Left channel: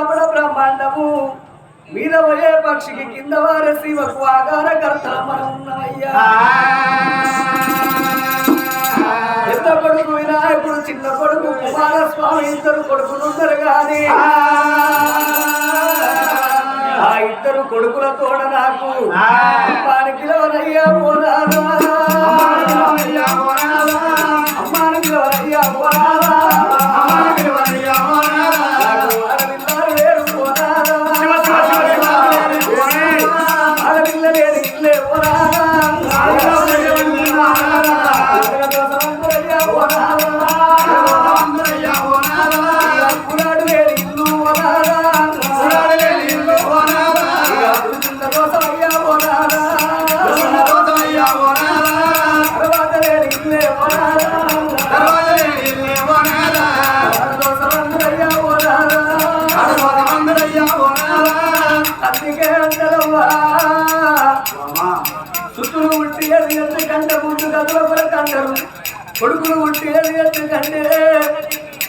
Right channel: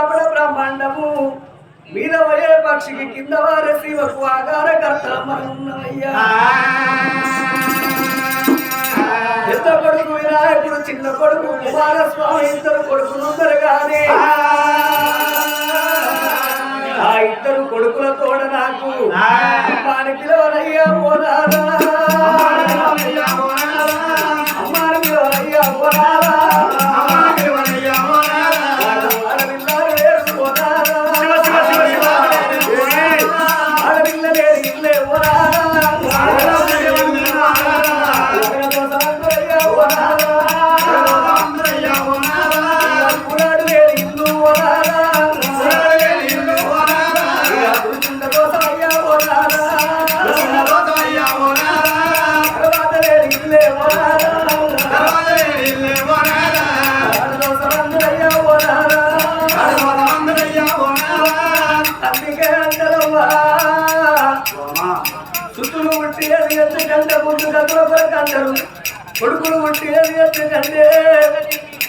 దాపడ బ్రహ్మాండము. మీద పోయే పక్షికి కింద వారే శివకు ఆగార కర్తల మనం ఉన్నవయ్యా పెద్ద కొడుకు వినాయకుడు చిన్న కొడుకు కుమారస్వామి ఇద్దరు కొడుకులున్నారు కానీ ఆ. ఇద్దరు కొడుకుల తోడ నాకు అమ్మాని పిలవనయ్యా పోనారా అందుకే సుతులు ఉట్టి అది ఎందుకంటే ముందు గదుల కొరకు అంటారు కొడుకులు ఉట్టి అది ఎందుకంటే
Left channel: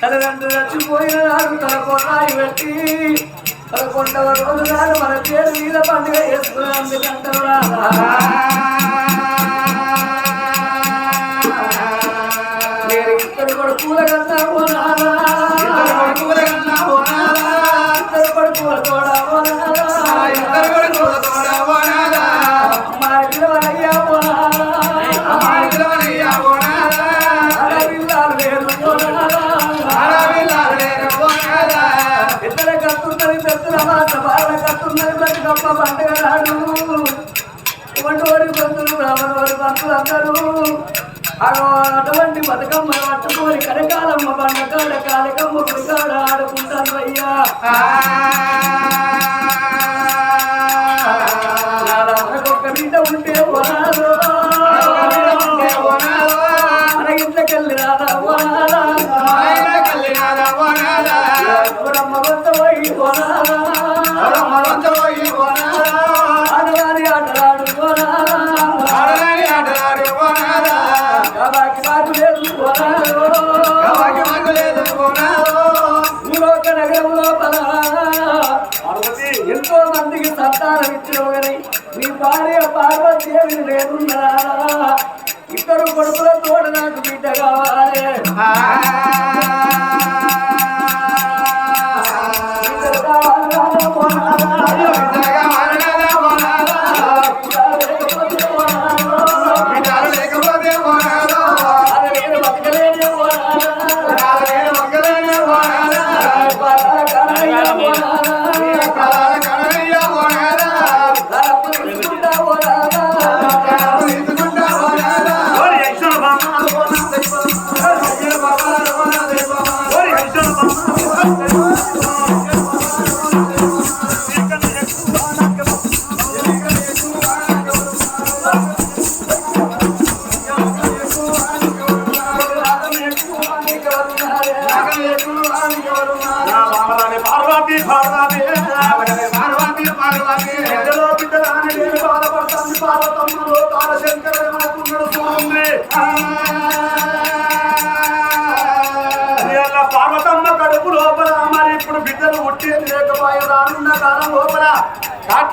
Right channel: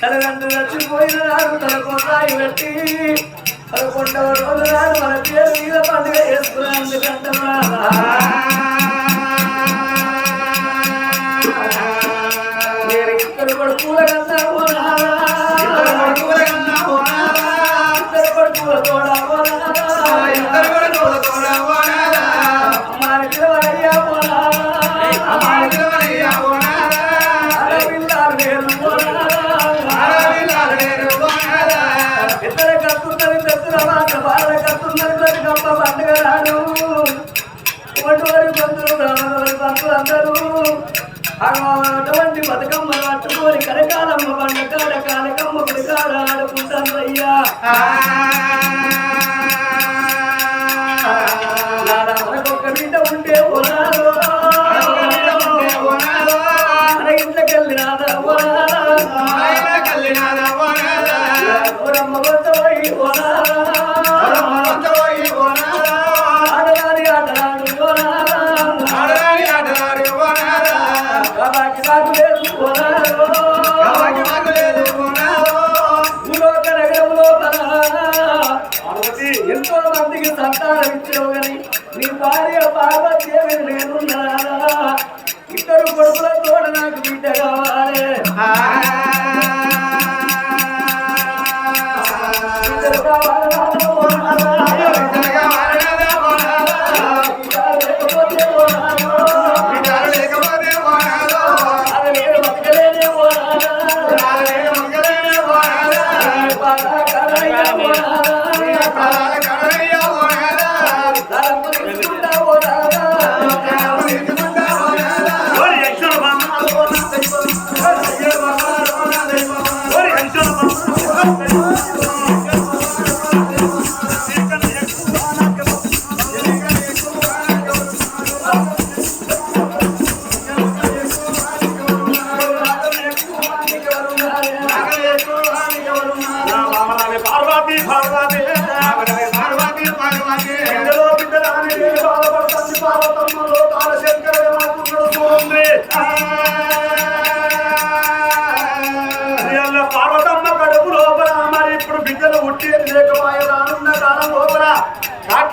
తల్లిదండ్రులు చచ్చిపోయిన నాడు తన కొన్నాయి పెట్టి. తన కొండవ రోజు నాడు మన పేరు మీద పండుగ చేసుకుని అందుకంటారు నేను ఇద్దరు కొడుకుల కన్నా పోనారా ఇద్దరు కొడుకుల తోడా పోనారా అమ్మాయి పిలవనయ్యా పోనారా ఆడపిల్లాలు లేరు పోనారా ఇద్దర కత్తున్నది పెద్దల మాట బాల కత్తున్నది బ్రతికమ్మ పండుగ నాడు బంధువులు బంధువులు అందరూ అటువంటి బతుకమ్మను పట్టుకొని కరకాలమ్మ పండ కాడ కాలకమ్మ గుడి ఆడుకుంటాను అయ్యా బిడ్డ ఉంటే పోనాదో మన ఇంట్లోకెళ్ళి రాదా పోనాదా గౌరమ్మ వద్ద పోయి పోనాదా ఆడరాని ఆటలాడు పోనాదా కాబట్టి నాకు లేదు పోనాదో భూలోక నగరం లోపల ఎంతో మందికి సంతానం ఇచ్చినవు నీ భార్య పార్వతీదేవిని నేనున్నానా? ఇద్దరు కొడుకుల తోడ నాకు బిడ్డ కావాలి. ఇద్దరు కావాలి? పార్వతి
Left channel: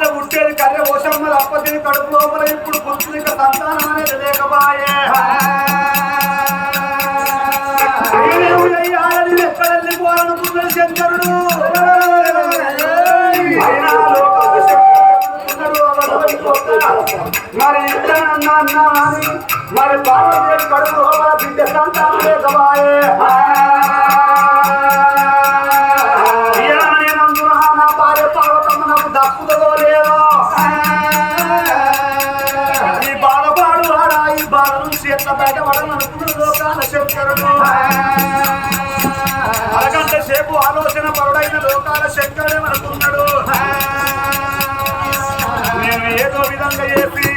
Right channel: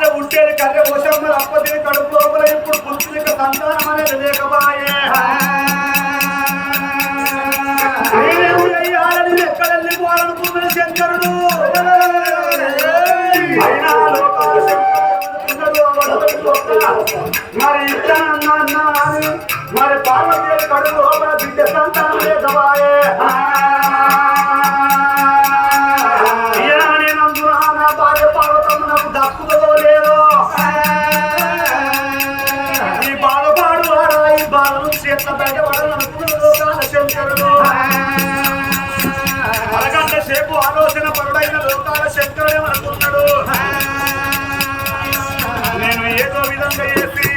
కాట్ల ఉట్టేది కర్రె ఓసమ్మలు అప్పతిని కడుపు లోపల ఇప్పుడు పుత్రిక సంతానం అనేది లేకపోయే. ఎక్కడ వెళ్ళిపోవాలనుకున్నాడు శంకరుడు? మరి ఇద్దరన్నా అన్నా మరి పార్వతీ కడుపు లోపల బిడ్డ సంతానం లేకబాయే లోకాల శంకరుడు. అరగంట సేపు ఆలోచన పరుడైన లోకాల శంకరుడే మనకున్నాడు నేను ఏదో విధంగా చేసి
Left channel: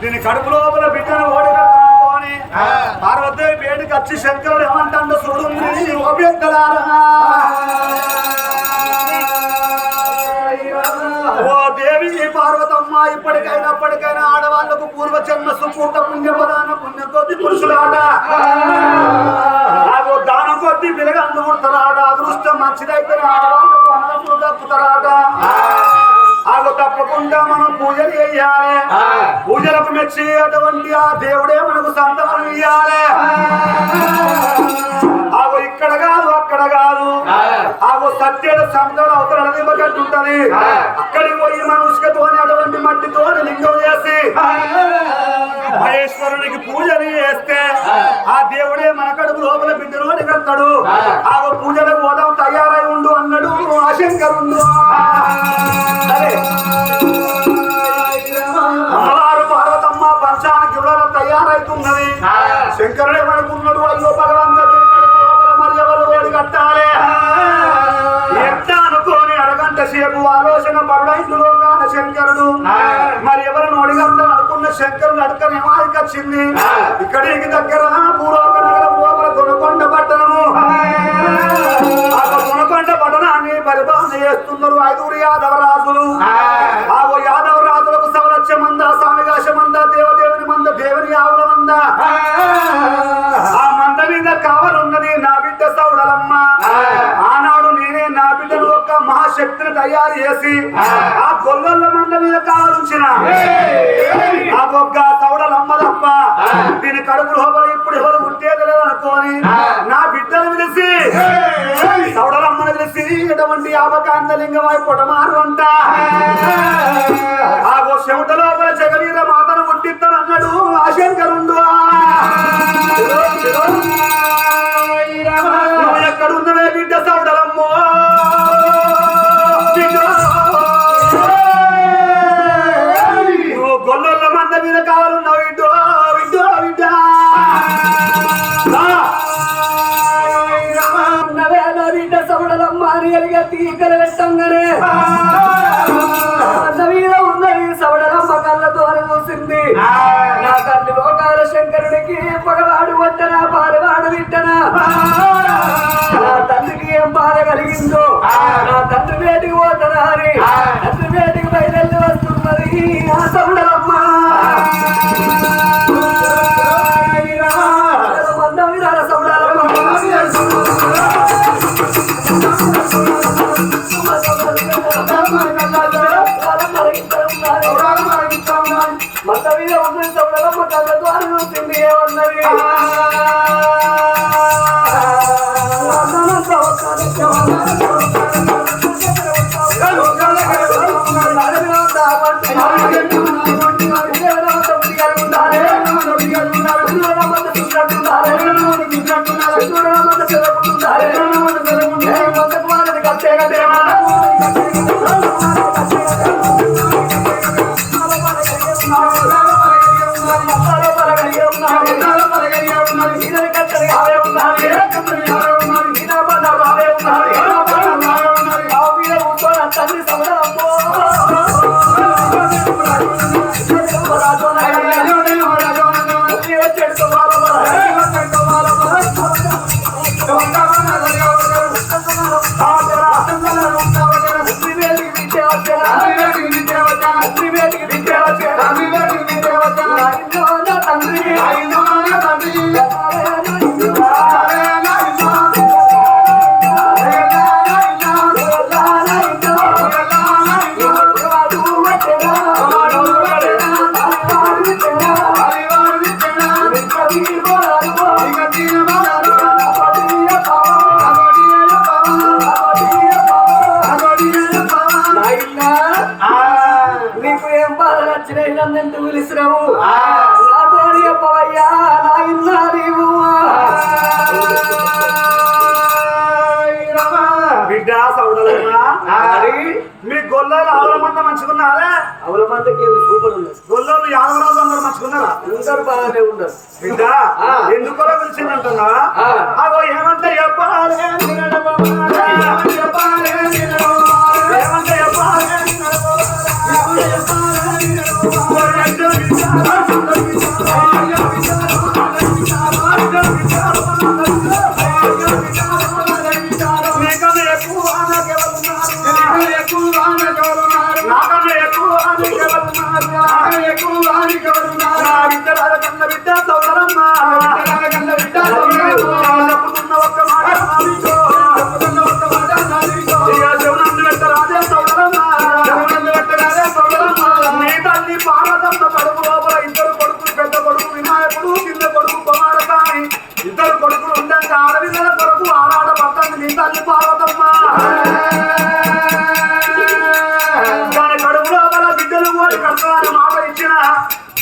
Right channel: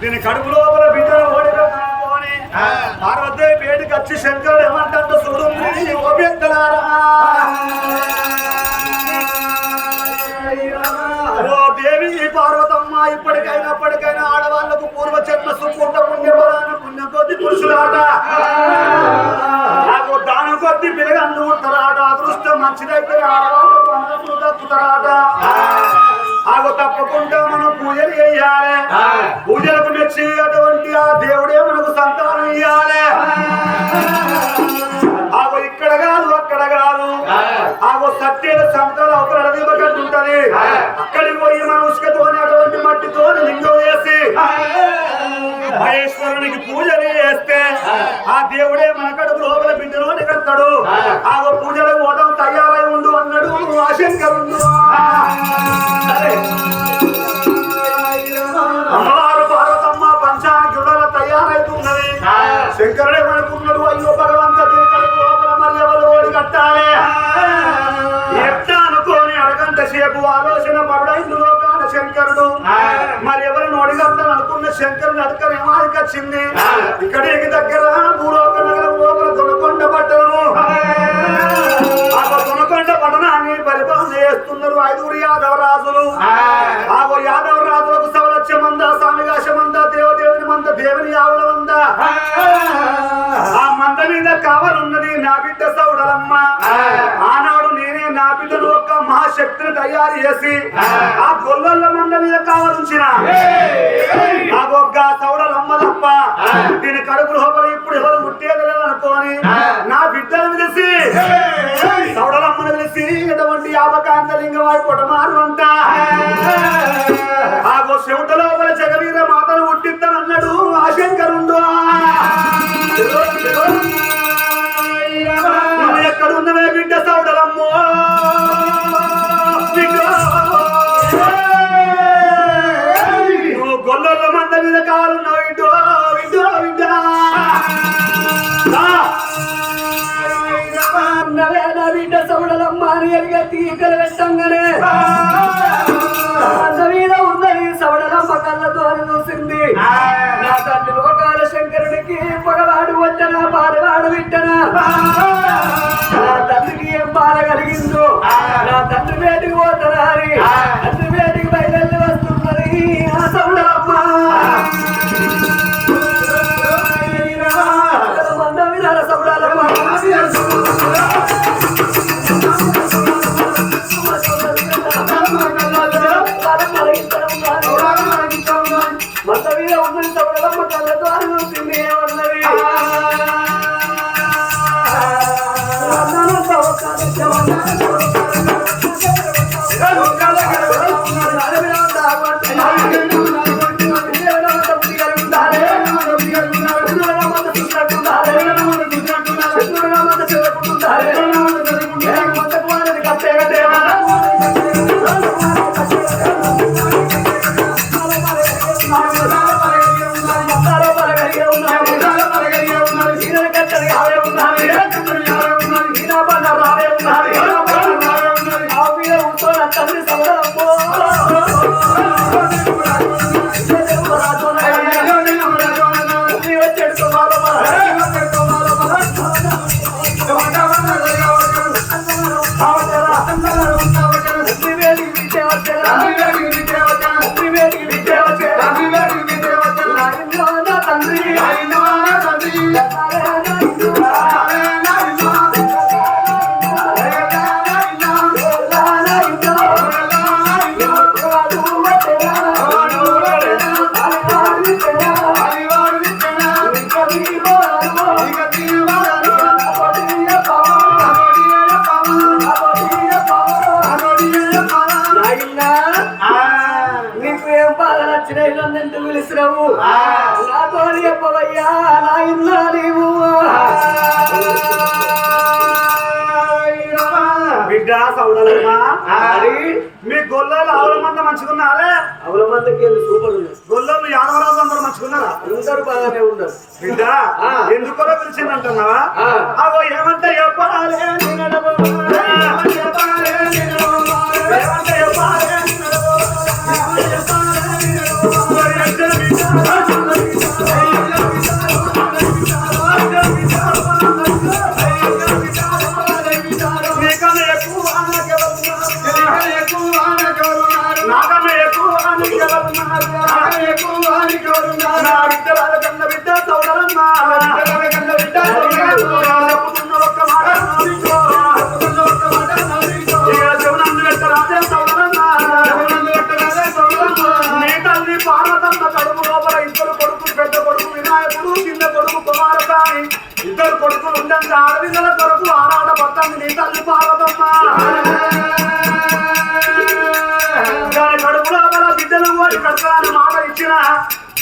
దీని కడుపు లోపల బిడ్డను ఓడిపెడతానుకోని పార్వదేవి పేటికి వచ్చి శంకరుడు ఏమంటాడు చూడుంది ఓపెత్తలారా ఓ దేవి పార్వతమ్మ ఇప్పటికైనా ఇప్పటికైనా ఆడవాళ్ళకు పూర్వజన్మ సుకూర్త పుణ్యపద పురుషులాట నాకు దానం కొద్ది పిల్లగాళ్ళు ఉడతారాట అదృష్టం మంచిదైతే అన్నప్పుడు తప్పుతారాట ఆగు తప్పకుండా మనం పూజలు చేయాలి. పూజలకు మెచ్చి అటువంటి ఆ దేవుడే మనకు సంతానం ఇయ్యాలి. ఆగు సత్యద సముద్రాల అవతల దిబ్బకంటు ఉంటది అక్కడికి పోయి మా ఉసుకతోని అటువంటి మట్టితోని లింగం చేసి మహేశ్వరునికి పూజలు చేస్తే ఆ దేవుడే మన కడుపు లోపల బిడ్డను కడతాడు ఆగు పూజలకు పోదాం తయారై ఉండు అన్నాడు ఆ శంకరుడు సరే అమ్మవారు పార్వతమ్మ పంచానికి గుడల తయారైతున్నది. శంకరుడే మనకున్నాడు అయ్యో భగవంత దీని కడుపు లోపల మరి ఎవరు ఓడి కట్టాలి? అరగంట సేపు ఆలోచన పరుడైంది లోకాన శంకరుడు. మరి ఎవరు ఓడిగట్టాలి అనుకున్న శంకరుడు అడకనేమో వచ్చింది. ఇక్కడికి దగ్గర భూలోక నగరం లోపల దొనకొండ పట్టణము. ఆ. దొనకొండ పట్టణాన్ని పరిపాలన చేస్తున్నారు ఐదుగురు యాదవ రాజులు ఆ యాదవ రాజులకు సవలక్ష మంద సామిగాశ మంద దేవదేవుని మంద దేవుని ఆవుల మంద. ఆ. మంద మీద కావాలన్నది నా బిడ్డ సౌడలమ్మ. ఆనాడు నేనే నా బిడ్డను ఒక్క మహాశక్తిని తయారు చేసి ఆ. గొల్లల మంద మీద కావాలుంచిన. నాకు ఒక్క సౌడలమ్మ తప్ప దీని కడుపు లోపల ఇప్పుడు ఎవరు పుట్టేది లేదనుకోని నా బిడ్డను పిలిచి సౌడలమ్మను పిలిచి ఎటువంటి యాపకాంత లింగవాయి పొటమారు అంట. ఆ. చెమట లోపల జగవీర మాతను పుట్టిస్తాను అన్నాడు ఆ శంకరుండు నువ్వు ఎక్కడున్నవే బిడ్డ సౌడలమ్మో లోకాల శంకరుడికి పగవాడు వంటనా పాలవాడు విట్టనా నా తండ్రికి ఏం బాధ కలిగిందో? నా తండ్రి వేటికి పోతనా అని? తండ్రి వేటికి బయలుదేరి వస్తున్నది ఆ సౌడలమ్మ మంద మీద ఉన్నది సౌడలమ్మ కళ్ళతో అని చూసింది ఏమన్నది తండ్రి యాదవరాజు అందరూ బాగానే ఉండరు బిడ్డ. ఎందుకో పిలిచిందంటున్నావా. అగో ఏమంటే చెప్పాలి. ఏమంటే చెప్పాలి చెప్పాలి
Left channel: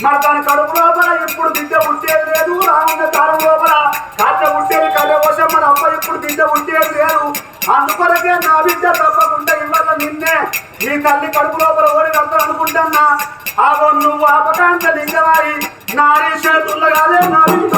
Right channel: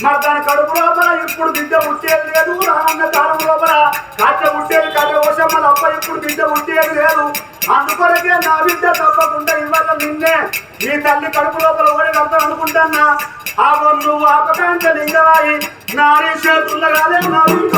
మరి దాని కడుపు లోపల ఎప్పుడు బిడ్డ పుట్టేది లేదు. రానున్న కాలం లోపల కాచ పుట్టేది కాచ కోసం మన అప్ప ఎప్పుడు బిడ్డ పుట్టేది లేదు. అందుకొరకే నా బిడ్డ తప్పకుండా ఇవ్వాల నిన్నే. నీ తల్లి కడుపు లోపల ఓడి కడతాను అనుకుంటున్నా. ఆగో నువ్వు ఆపకాంత లింగవాయి. నారీ చేతుల్లో కాదే నా బిడ్డ.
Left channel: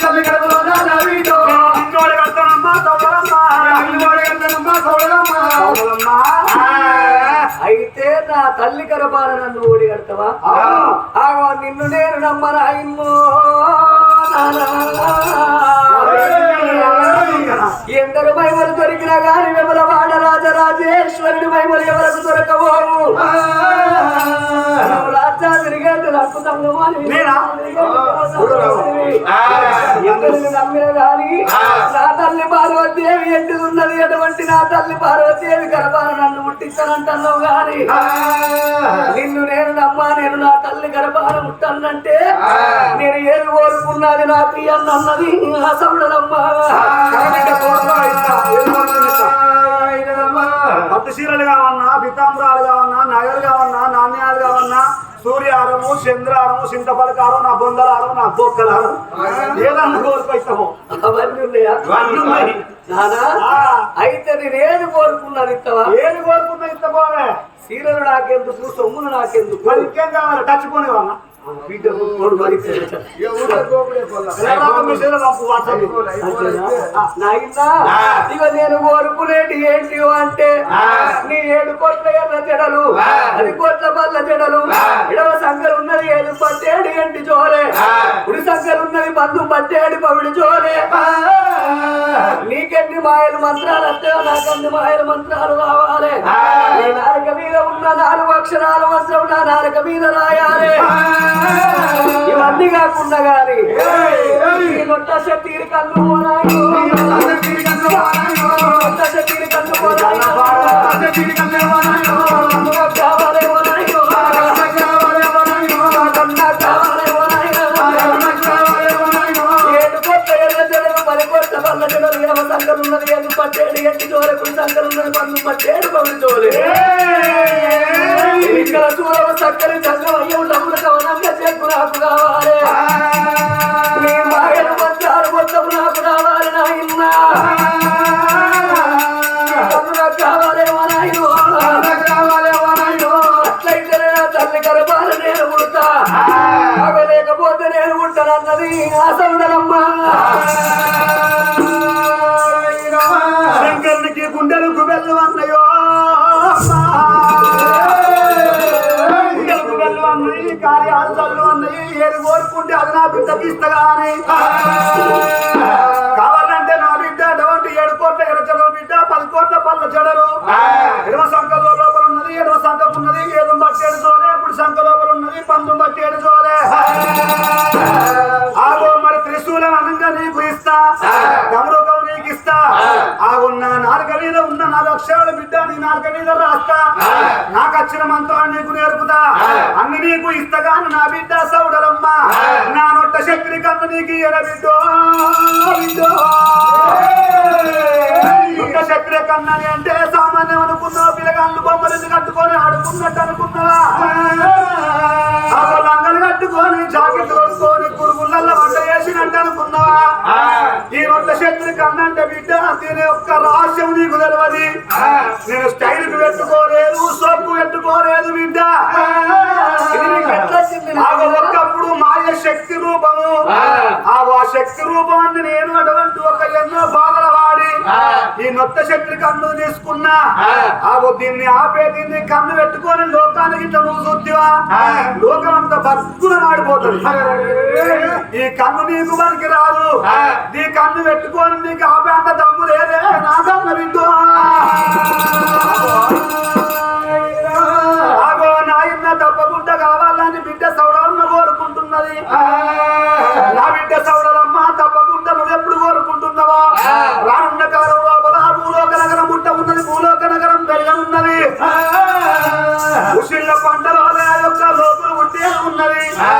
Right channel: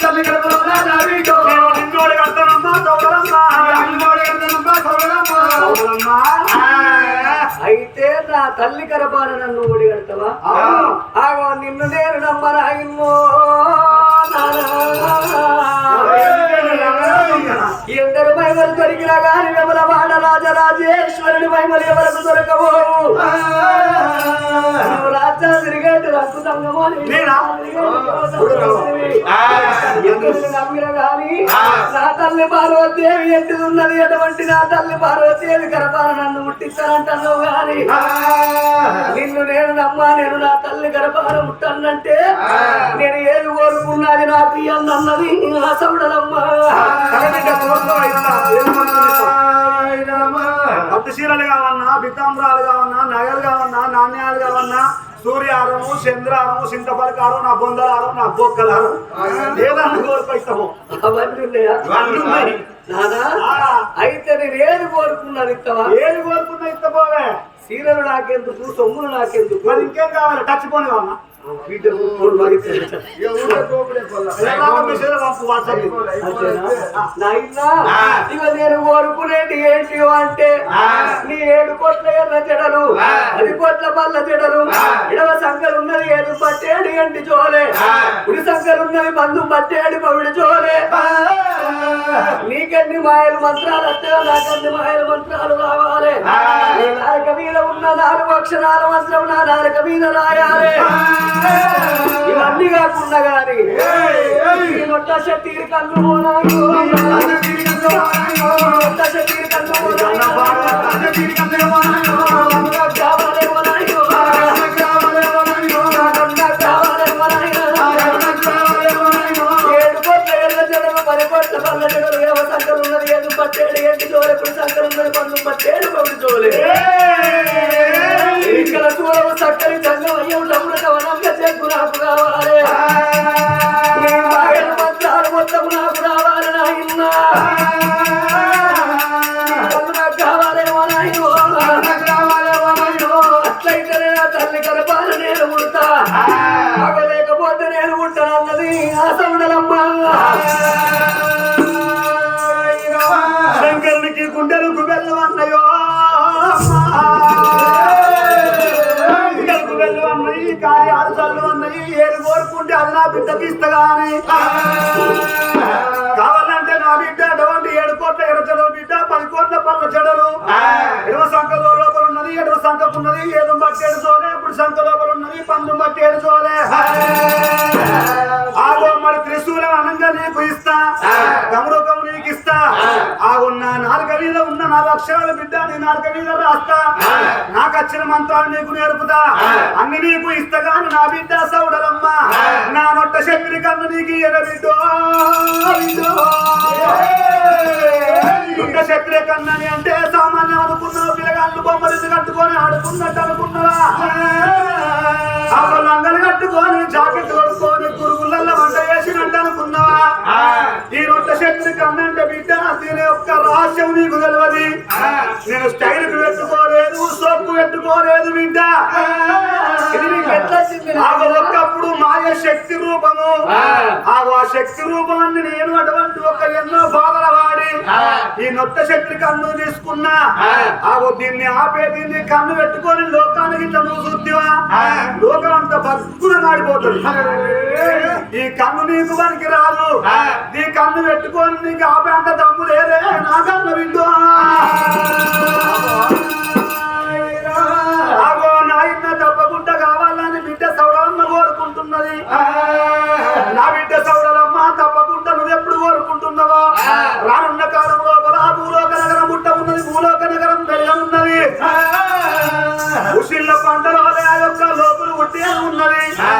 నారీ చేతుల్లో కాదే నా బిడ్డ. ఇక నువ్వు ఒక పక్కనమ్మ, నా బిడ్డ. అయితే నా తల్లి గర్భాన నన్ను ఓడిగడతావా ఆగో నిన్ను నేను నమ్మరాయిన్నో ఎందరు మహిమలు దొరికినా గాని విమల వాడ రాజరాజేశ్వరుని మహిమలు ఎవరకు దొరకబోవు రక్త నమ్మిన గాని నా తల్లి పార్వతీదేవి ఎంటిది ఉన్నది ఎటువంటి నా తల్లి పార్వతీదేవి గర్భాన నన్ను ముట్టిస్తానంటున్నావు గాని నిన్ను నేను నమ్మా నేను నా తల్లి గర్భాన ముట్టనంటే నేను ఏది కోరుకున్నది నాకు అన్నది నా సౌడలమ్మా పట్టు చీరలు కావన్నా బితాంబరాలు కావన్నా నగలు కావన్నా నాణ్యాలు కావన్నా సూర్యారము చంద్రారము చింతపలకారం నా బొందలారం నా బొక్కలారం ఏదన్నా కోరుకొస్తాము అవన్నీ ఉన్నాయా? అన్నీ ఉన్నాయి. నానా? ఆ. అయితే నేను ఏది కోరుకున్నాను ఇస్తావా ఏది కోరుకున్నా ఇస్తపోవే చీరలు నాకెందుకు? సొమ్ములు నాకెందుకు? మరి ఇంకేం కావాలి? టచ్ పోని కావాలా? నేను కోరుకునేటి ఏంటి అంటే నీ ఏడు కోట్ల ఎర్ర జడలు అది కోట్ల పల్ల జడలు ఇడవ సంఖ్యలు ఉన్నది ఏడు పట్టేడు ఎంటి జోలే కుడి సంఖ్యలు ఉన్నది బంధు పట్టేడు పవిడి జోలే నీకెన్ని మాయలు మంత్రాలు వస్తాయో నాకన్ని మాయల మంత్రాలు రావాలి? నాలుక మీద ఉన్న నాలుగు అక్షరాల మంత్రం నా నాలుక మీద రాయాలి. ఇవన్నీ కాకుండా గాని లొట్ట శక్తికి కన్ను. లొట్ట శక్తికి కన్ను కోట్ల పల్ల జడలు ఇరవై సంఖ్యలు ఉన్నది ఏడు పట్టేడు ఎట్టి జోలే కుడి సంఖ్యలు ఉన్నది పన్ను పట్టేడు పవిడి జోలే. ఇక్కడ చూడవు సంఘం అయ్యవు డబ్బులు కవనంగా చెప్పు నాకు కావాలి. ఇస్తగాని కావాలంటే నా బిడ్డ అటువంటి ఏడు కోట్ల ఎరచల బిడ్డ పది కోట్ల పళ్ళ జడలు ఎడమ సంఖ లోపల ఉన్నది ఎడమ సంఖకున్నది ఏదో బట్టేడు జోలే ఇప్పుడు సంఖ లోపల ఉన్నది పందు బట్టేడు జోలే. ఆగో మరి త్రిశూలం అనంగా నీకు ఇస్తా. గమరుకం నీకు ఇస్తా. ఆగున్న నాలుక మీద ఉన్న నాలుగు అక్షరాల బిడ్డ నీ నాలుక మీద రాస్తా. నాకు వచ్చిన మంత్రాన్ని నీకు నేర్పుతా. అన్ని నీకు ఇస్తా గాని నా బిడ్డ సౌడలమ్మ. నా నొట్ట శక్తిని కన్ను నీకు ఇయ్యన బిడ్డో శక్తి కన్నని అంటే సామాన్యం అనుకున్నావు పిల్లగాళ్ళు బొమ్మలు కట్టుకొని ఆడుకున్నట్టు అనుకున్నావా? కట్టుకొని జాకెట్ కొడుకొని గురుగుళ్ళల్లో వంట చేసినట్టు అనుకున్నావా? ఈ రొట్టె శక్తి కన్నంటే బిడ్డ దీని యొక్క రహస్యం నీకు తెలియదు నేను స్టైల్కు పెట్టుకోలేదు సోపు పెట్టుకోలేదు బిడ్డ. ఒక్కప్పుడు మాయ శక్తి రూపము. ఆ. శక్తి రూపాన్ని నేను అటువంటి ఒక ఎన్నో బాధల వాడి ఈ నొత్త శక్తి కన్ను తీసుకున్నా. ఆగో దీన్ని ఆపే దీన్ని కన్ను పెట్టుకొని లోకానికి ఇట్లా నువ్వు చూద్దివా లోకం అంతా బగ్గున మాడిపోతుంది ఈ కన్ను నీకు పనికి రాదు. ఈ కన్ను పెట్టుకొని నీకు ఆపే అంత దమ్ము లేదే. నా కన్ను వింటూ ఆగో నాయన తప్పకుండా కావాలని బిడ్డ సౌడలమ్మ కోరుకుంటున్నది. నా బిడ్డ సౌడలమ్మ తప్పకుండా నువ్వెప్పుడు కోరుకుంటున్నావో? రానున్న కాలం లోపల భూలోక నగరం పుట్ట ఉన్నది భూలోక నగరం వెళ్ళ ఉన్నది. ఉషిళ్ళ పంటలో యొక్క లోపులు పుట్టే ఉన్నది. ఆ.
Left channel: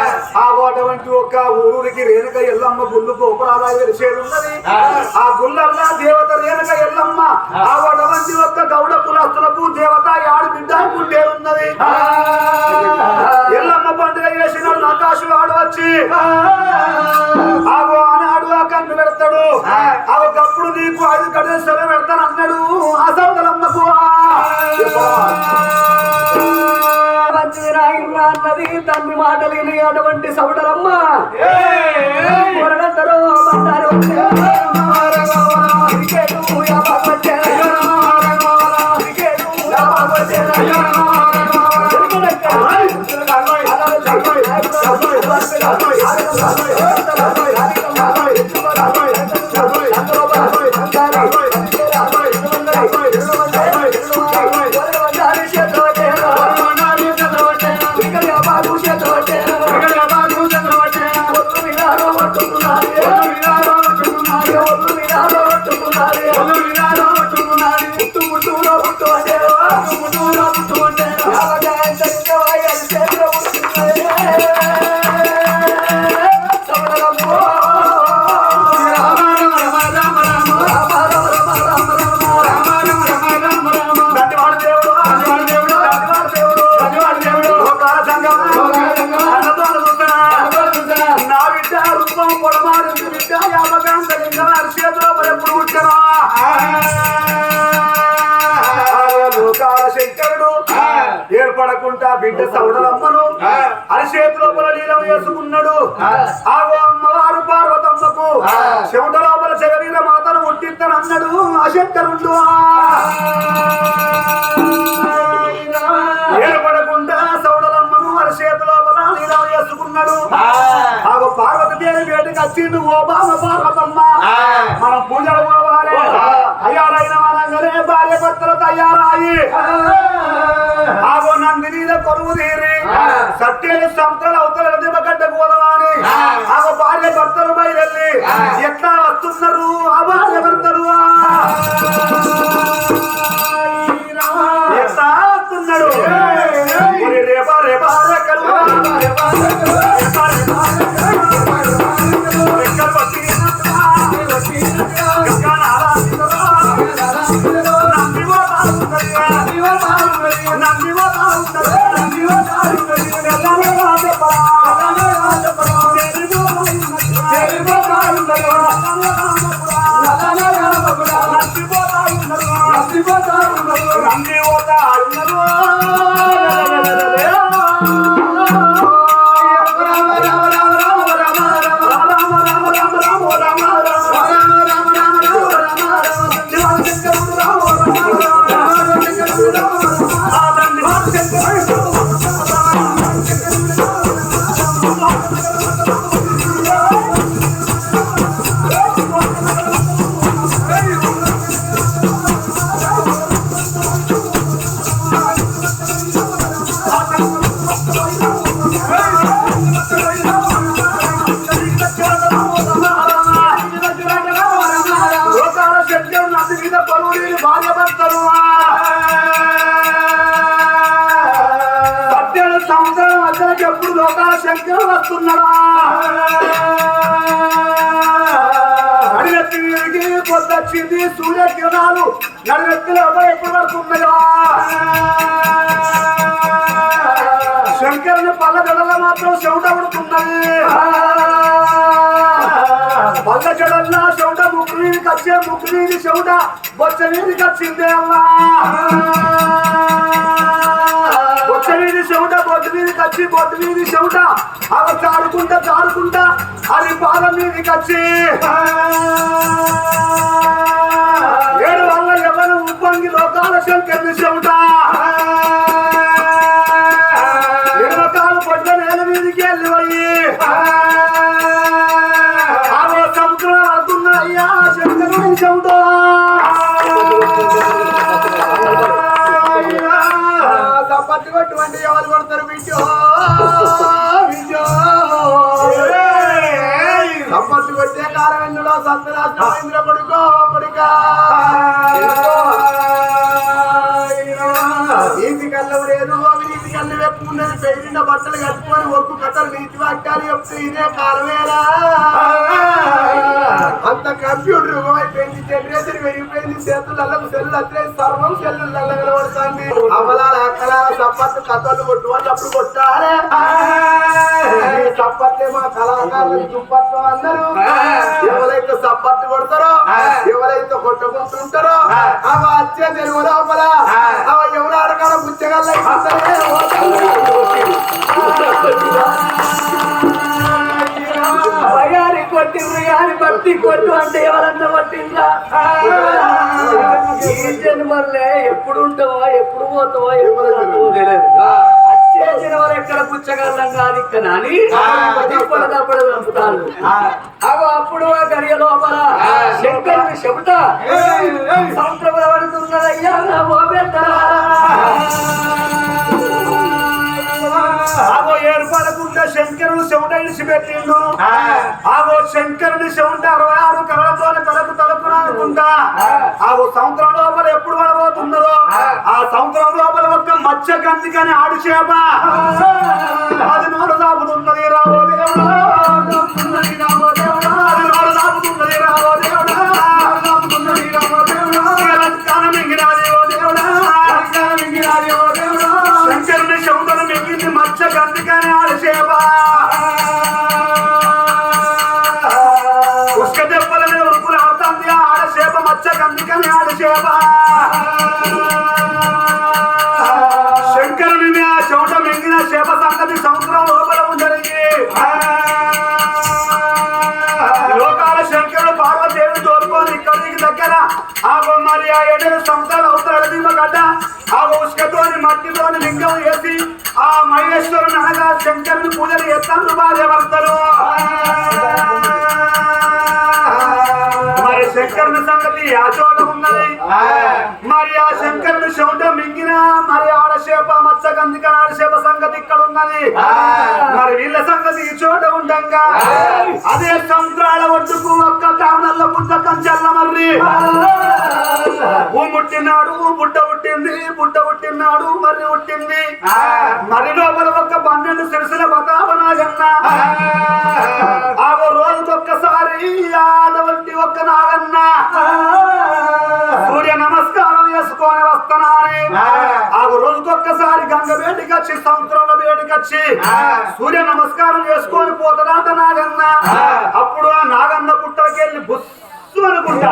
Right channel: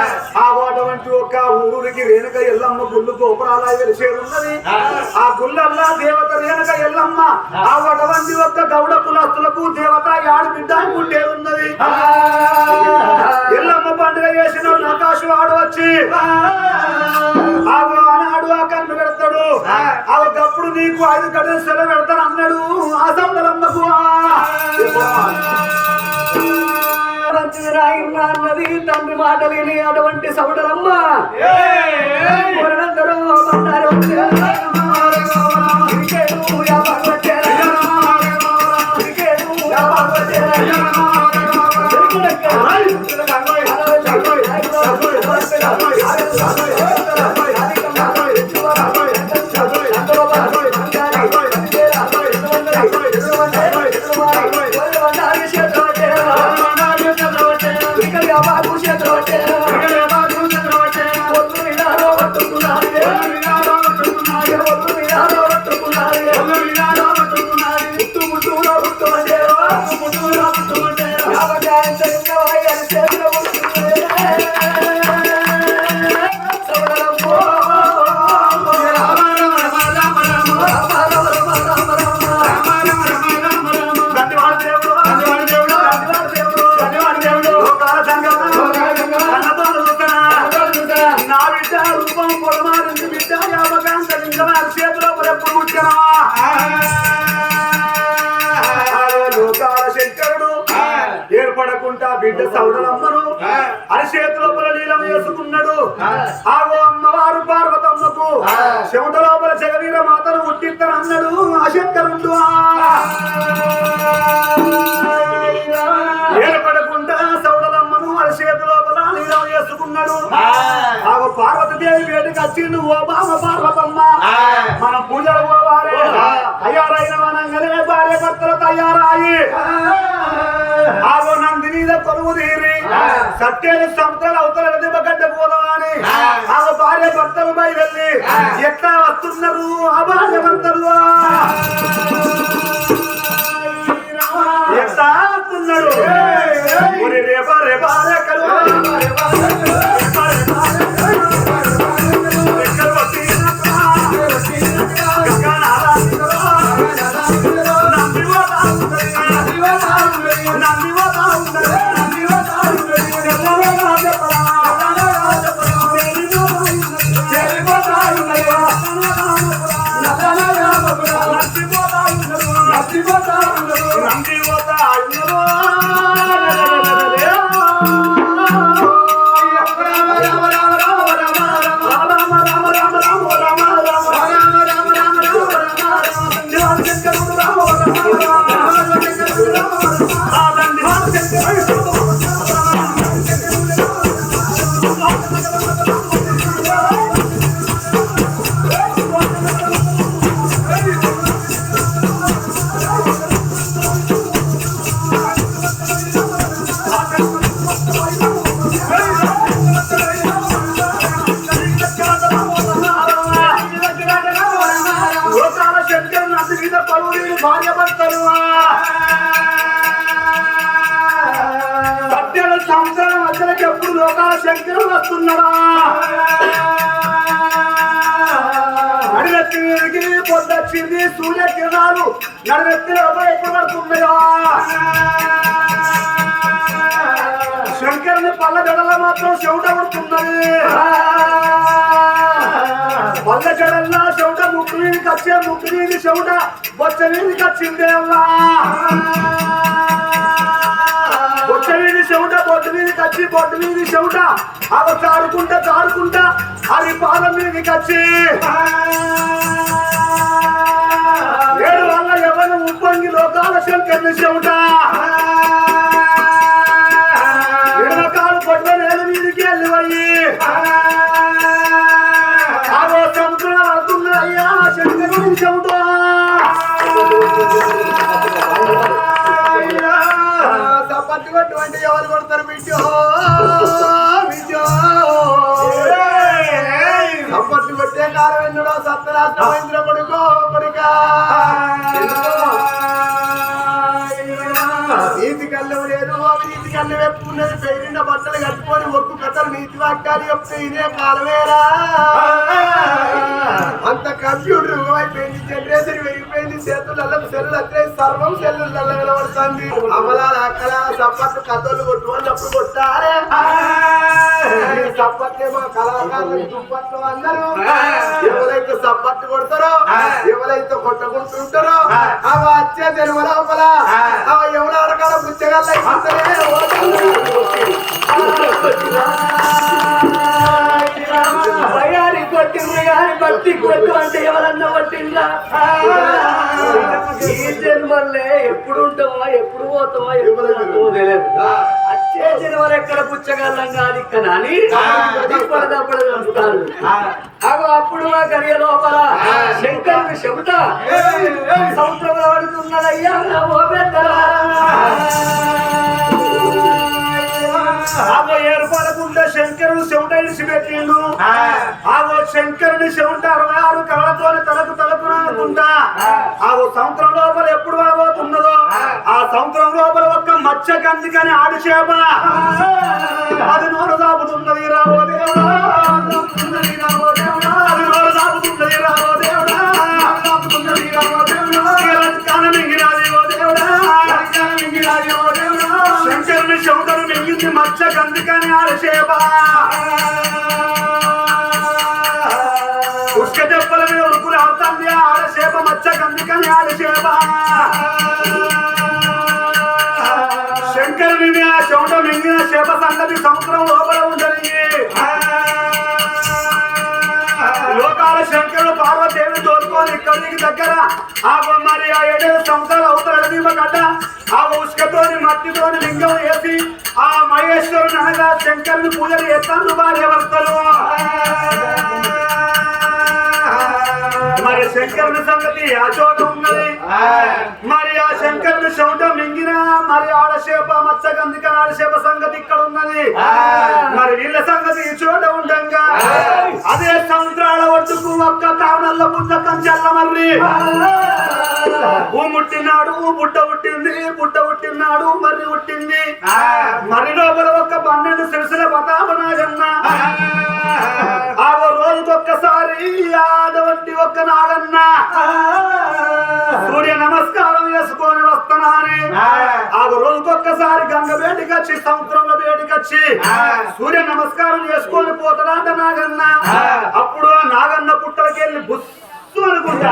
అటువంటి ఒక ఊరికి రేణుక ఎల్లమ్మ గుళ్ళు గోపురాల వెలిసేది ఉన్నది. ఆ. గుళ్ళల్లా దేవత రేణుక ఎల్లమ్మ ఆ. అటువంటి యొక్క గౌడ కులస్తులకు దేవత యాడి బిడ్డ పుట్టేది ఉన్నది. ఎల్లమ్మ పండుగ చేసినాడు ఆకాశం ఆడు వచ్చి ఆగు ఆనాడు ఆ కన్ను పెడతాడు. ఆ. ఒకప్పుడు నీకు ఐదు గడులు సెలవు పెడతాను అన్నాడు ఆ. సౌదలమ్మకు మంచిది నాయన అన్నది తండ్రి మాటలు విని అటువంటి సౌడరమ్మ కొరడంతలో బిడ్డ సౌడలమ్మను అరిచేతి లోపల నీలం వేసుకున్నాడు. ఆగో అమ్మవారు పార్వతమ్మకు. చెమట లోపల జగవీర మాతను పుట్టిద్దనన్నాడు ఆ. శంకరుడు ఏర్పడకుండా సౌడలమ్మను అరిచేతి లోపల నీలం వేసుకున్నాడు. ఆగో పార్వతీదేవి వేడికి వచ్చిండు ఓ బామ పార్వతమ్మ. మనం పూజలు పోవాలి తయారైన వనంగానే భార్య భర్తలు తయారాయి ఆగో నందినీద కొలువు తీరి సత్యేడు సంవత్సరాలు అవతల దిబ్బగడ్డ పోదవాని ఆగో భార్య భర్తలు బయలుదేరి ఎట్లా వస్తున్నారు ఆ భార్య భర్తలు? నడినెత్తిలో మాత్రం చెవుట పుడుతున్నది పళ్ళ చెవుట ముక్కు మీదకి వచ్చే ముక్కు చెవుట బొచ్చ మీదకి వచ్చిందే అవ్వా బొచ్చ మీది చెవుట బొడ్డు మీదకి కచ్చి బొడ్డు మీది చెవుట. అవి చాడుకుంటా చాడుకుంటా అది పాదం మీదకి కచ్చి. ఏడు వల్ల ఎవరు ఉప్పంగి లోకాల శంకరుని చెవుట. పట్ల నేల మీదకి వెళ్ళి పోయి ఆగో సముద్రం పడుతున్నాయ్యా శంకరుని చెవుట తప్పట్టు కొట్టువంటి ఎవరు కొడతారు బిడ్డో? బిడ్డో. తప్పట్లు కొట్టే సత్యనాశనమైంద్ర కొడుకో కొడుకా. నీతి కళ్ళం లేదు అవినీతి ఇంటి కన్ను వెప్పు ఉన్నది పెరిగిన బట్టలు కట్టుకొని ఒక్కు కథలు నీతి వాక్యాలు చెప్తే ఇదే కాలమేరా? అంత కంప్యూటర్ యుగమైపోయింది జనరేషన్ పెరిగిపోయింది. చేతులలో సెల్లు అత్తే సర్వం సెల్లు కనబడుతుంది అమలాల అక్కల చప్పట్లు కథలు కొట్టుకున్నప్పుడు కొట్టారే. ఈ చప్పట్లే మా కళాకారులు దుప్పట్లు అందరూ. ఎవరైతే చప్పట్లు కొడతారో ఎవరైతే కొట్టుకుంటుంటారో అవ వచ్చే తెలుగు లోపల అవ ఎవరు అడగడం బుచ్చగల్ల భయాన్ని కొట్టిండ్రు కానీ భక్తి కొట్టు అంటే ఎవరన్నా కొట్టిండ్రా ఈ జన్మల్లే ఎప్పుడు ఉంటావో ఎప్పుడు పోతావో ఎప్పుడు తెలియదు. వచ్చే జన్మలు ఎక్కడ పుచ్చగల్లం కాదు ఇక్కడ అని ఇప్పుడు తప్పుడు వస్తాను అగో అప్పుడు ఆ గడియ లోపల శంకరుని చెబుట సముద్రంలో పడుతున్నదయ్యా ఓ. ఆగో ఏర్పడకుండా శంకరుడు చెవుట ఇడిచిపెట్టిండు ఆగో శంకరుని చెవుట అరవై ఆరు కళలతోనే తలకు తలకు అనుకుంటా. ఆగో సముద్రం లోపల ఎప్పుడు పడబోతున్నదో ఆ. సముద్రం లోపల ఒక్క మత్స్య కందికని ఆడి చేప అది నోరు దాపుతున్నది రాబో అందుకని మత్స్య కందికని ఉష్క దెబ్బల మీద ఉరుకులు ఆడుతుంది ఆడసేప చేప అందుకని కందికని శంకరుని మీద చెమట మింగిన చేప సంగతి సముద్రం లోపల ఉందరిగి. లోకాల శంకరుడు పార్వదేవిని తోలుకొని ఇక్కడికి దగ్గర ఆ మరి ఆ ఏడు సంవత్సరాలు అవుతారు అడవిమ గడ్డ ఆ ఉష్కతోని మట్టితోని లింగం ఆ మహేశ్వరుని అనగా శంకరుని పూజలు చేస్తాను భార్య భర్తలు శంకరుని సంగతి ఆ చోట ఉన్నది. మరి ఆ శంకరుని చెమట మింగిన మరి ఆడశేప మత్స్యగంధిక ఆడశేప సంగతి ఇక్కడ ఉన్నది. మరి వీళ్ళ సంగతి ఈ చోట ఉండంగా. అదే సముద్రాల ఒడ్డుకు ఒక్క కారణంలో పుస్తకం చల్లమర్రి. ఊ ముట్టినాడు బుట్ట పుట్టింది బుట్ట పుట్టినాడు మర్రి పుట్టింది. మరి లోపల ఒక్క పన్నెండు సిరిసిల బతాపనాగన్న ఆ. రోజుకొక్కసారి గంగ వేడికి వచ్చి సముద్రంలో వేడికి వచ్చి సూర్య నమస్కారం చేసుకొని పోతాడాట నాగన్న. అప్పుడు ఆ నాగన్న పుట్టలకెళ్ళి బుస్సు అనుకుంటా.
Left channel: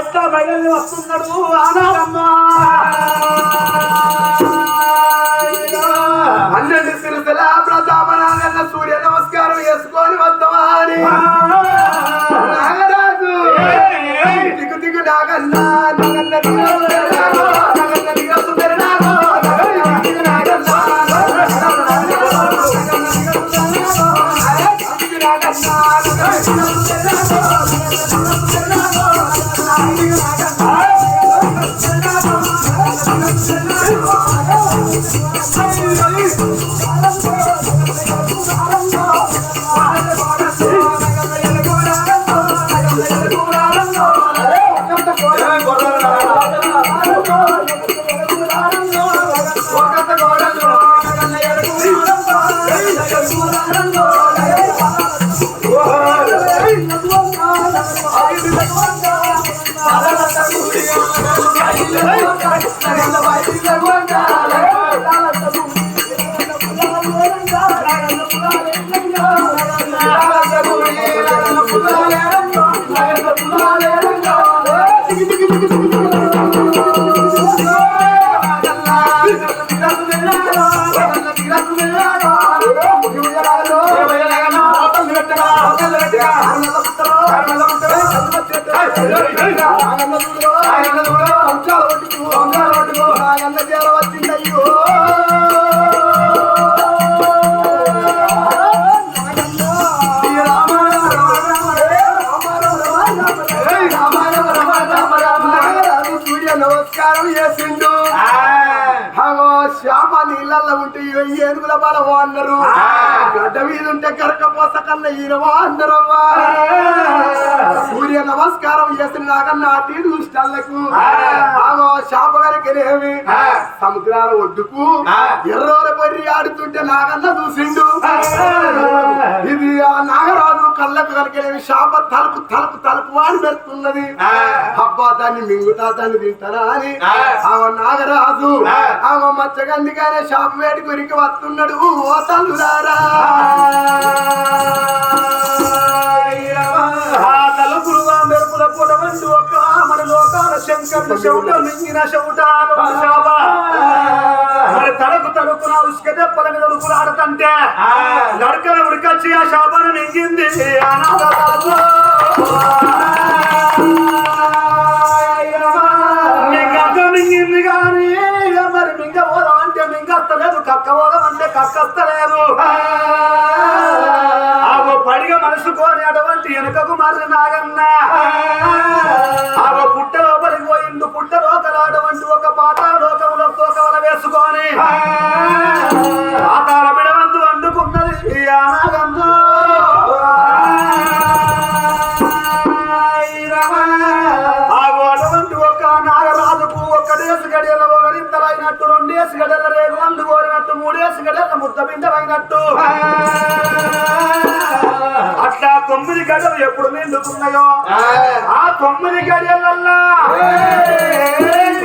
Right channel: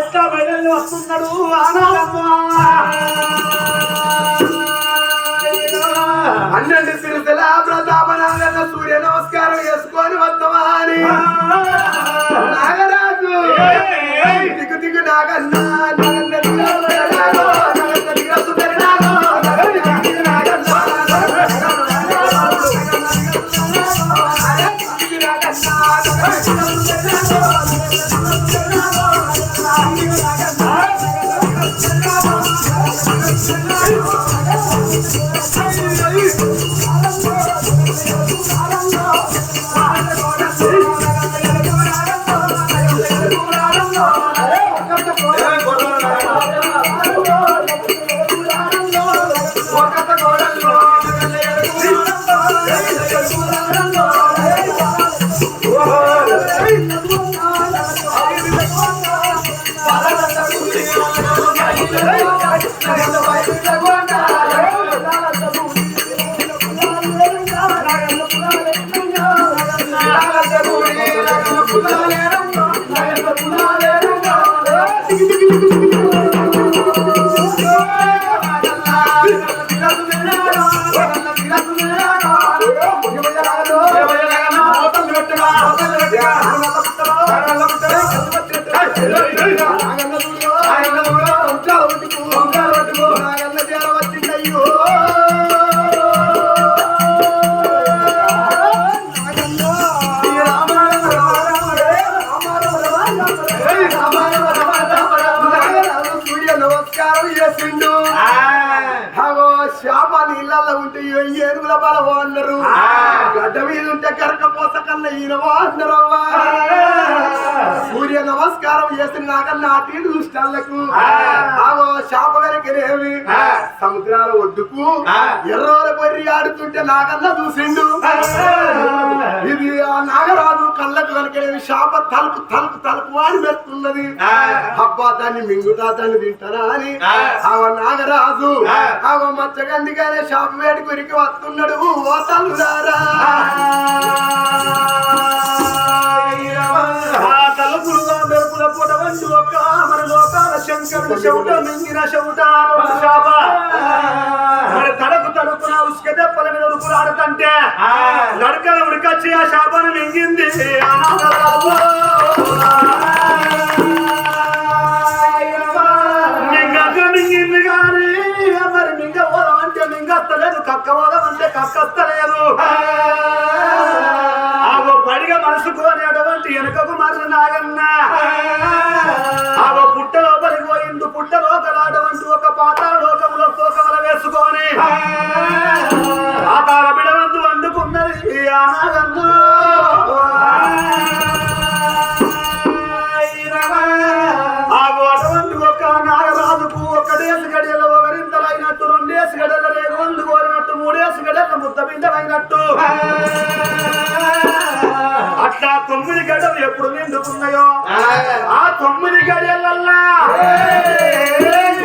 ఎట్లా బయలు వస్తున్నాడు ఆ నాగన్న? పట్టుకో నాయన్న చేర వచ్చిందయ్యో ఏనుగుల బలవో అన్నారు. గడ్డ మీద ఉంటే కరక పోస కన్నా ఈనవా అన్నారవ్వా సూర్య నమస్కారం చేసిన నాకన్నా అటు దుష్టాలకు ఆగో శాప వెనకనేమి? సముద్రాల ఒడ్డుకు ఎర్రోల బర్రి ఆడుతుంటే నాకన్నా చూసిండు. ఇది ఆ నాగరాజు కళ్ళకు వెనకనేమి శాప తలుపు తలుపు తలుపు వాడి పెడుతున్నది. అబ్బా దాన్ని మింగుతా దాన్ని తింటారా అని. ఆ. నాగరాజు ఆమె మచ్చగందిగానే షాప్ వేడి గురికి వస్తున్నాడు. ఓ తల్లురారా. ఒక్క మన లోకాల శంకరుడు చెవుట మింగిన చెవుట శాప. మరి తడకు తడుకున ఉసుక దెబ్బల మీద ఉడుకులు ఆడుతంటే నడకల ఉడికొచ్చి ఆ శాపను మింగింది. మింగక మింగింది కానీ మరి మింగ పోదాం అంటే మింగస్తలేదు కక్క పోదాం అంటే కక్కస్తలేదు ఆగో పడిగ మనసుకోని అటువంటి వెనుకకు మారిన నాగన్న. ఆగో పుట్ట లోపలికి పోయిండు పుట్ట లోకలాడవంటి ఒక పాతాళ లోకములో తోకవల వేసుకొని పాతాళ బిడవందు వండుకున్నది ఈ ఆ నాగన్న. ఆగో అటువంటి ఒక్క నాగరాజుకు గడియల ఒకరింతలైనట్టు రెండేసి గడియల రేగు వండు కోరినట్టు మూడేసి గడియల ముద్ద బిందమైనట్టు అట్లా తొమ్మిది గడియలు ఎప్పుడు నిండుతున్నాయో? ఆ. తొమ్మిది గడియలల్లా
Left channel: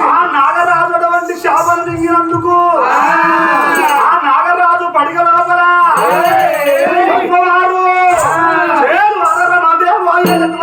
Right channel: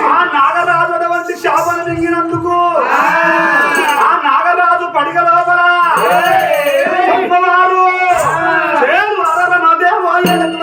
ఆ. నాగరాజు అటువంటి శాపను మింగినందుకు ఆ. నాగరాజు పడిగ లోపల అమ్మవారు చేరు అరర మదేవో ఎలక్వ